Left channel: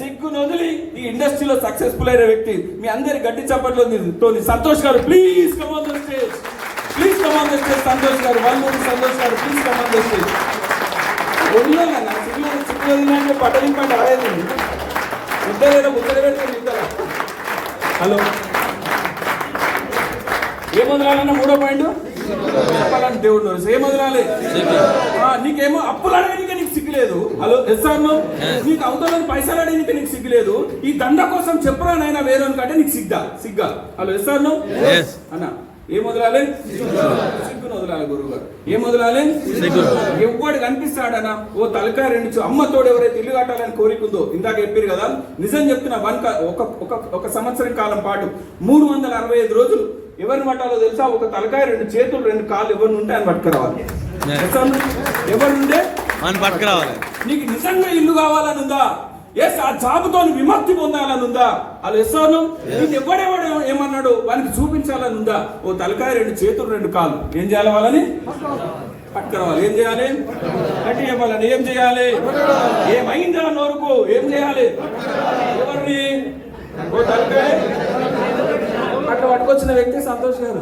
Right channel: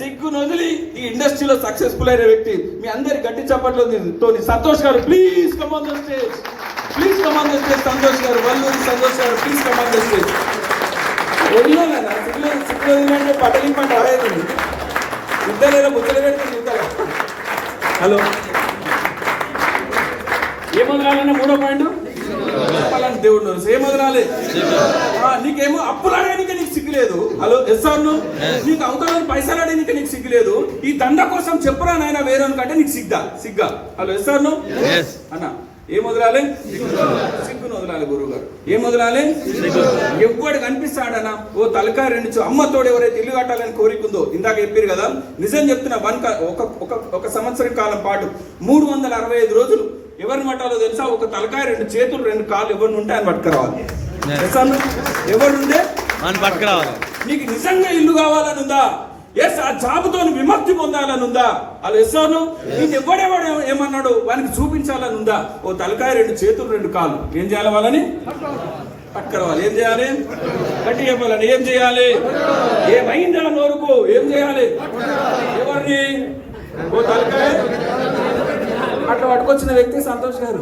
సిగ్గును వదిలి ఈ ఇండస్ట్రీలో సక్సెస్ఫుల్ అయిన వ్యక్తి మీ అందరి గట్టి చప్పట్లో తోని Santosh garu please come on please come on Santosh garu. Valluri Santosh garu please come on stage సిగ్గులో సిగ్గులో ఇద్దరు ముద్దలు పెట్టుకుని ఇద్దరు? హలో. ఏ మొదలాలని మూడో పాయింట్? దేవుడు. ఏ మొదలాలి? నీకేమో అప్పులు అడగడానికి నీకు సిగ్గులేదు. హలో ఎస్ ఆర్ నో నీకు అవతల పైసలు అడగడానికి నీకు సిగ్గులేదు. ఈ దండ కోసం చెప్పరా నాయన వేరే కంటే నీకు సిగ్గా? సిగ్గా? Hello yes or no Yes. అన్న ఏం వదలాలి? సిగ్గును వదలాలి గురువు గారు ఏం వదలాలి? ఎవ్వడు కనిపిస్తాడనా ఓ తలకాయ రెండు చూ- అమ్మ తోడు ఎవరైతే ఇల్లు కట్టాలని కోరికుందో ఇందాక చెప్పారు కదా నిజం చెప్తున్నా వన్ ఒక ఒక సంవత్సరం కాలం పాటు మూడు వందల అరవై ఐదు రోజులు ఎవరిని పట్టాలో తెలుసా? ఒక తలకాయ రెండు చేతులు రెండు కాళ్ళు ఎవరిని ఉంటాయని పట్టుకురావాలి. Yes. తెలుసా? మనం పట్టుకురావాలి. నీకు నిజంగా ఇల్లు కావాలని ఉందా ఎస్ ఆ జాబుతో విముక్తి పొందాలని ఉందా అలా ఎస్సాను నీకు ఎవడెవడు ఏమన్నాడు? వానికి చూపించాలని ఉందా ఓ తలకాయ రెండు చేతులు రెండు కాళ్ళు. ఏం చేయాలి వాళ్ళని? పట్టుకురావాలి. ఏం చేయాలి? గట్టి చెప్పాలని ఏం చేయాలి? ఏమైందా నోరుకు? ఏం చేయాలి? ఎవరిని? ఓ తలకాయ. అట్లా పట్టుకొచ్చిన వ్యక్తి సంతోష్ గారు.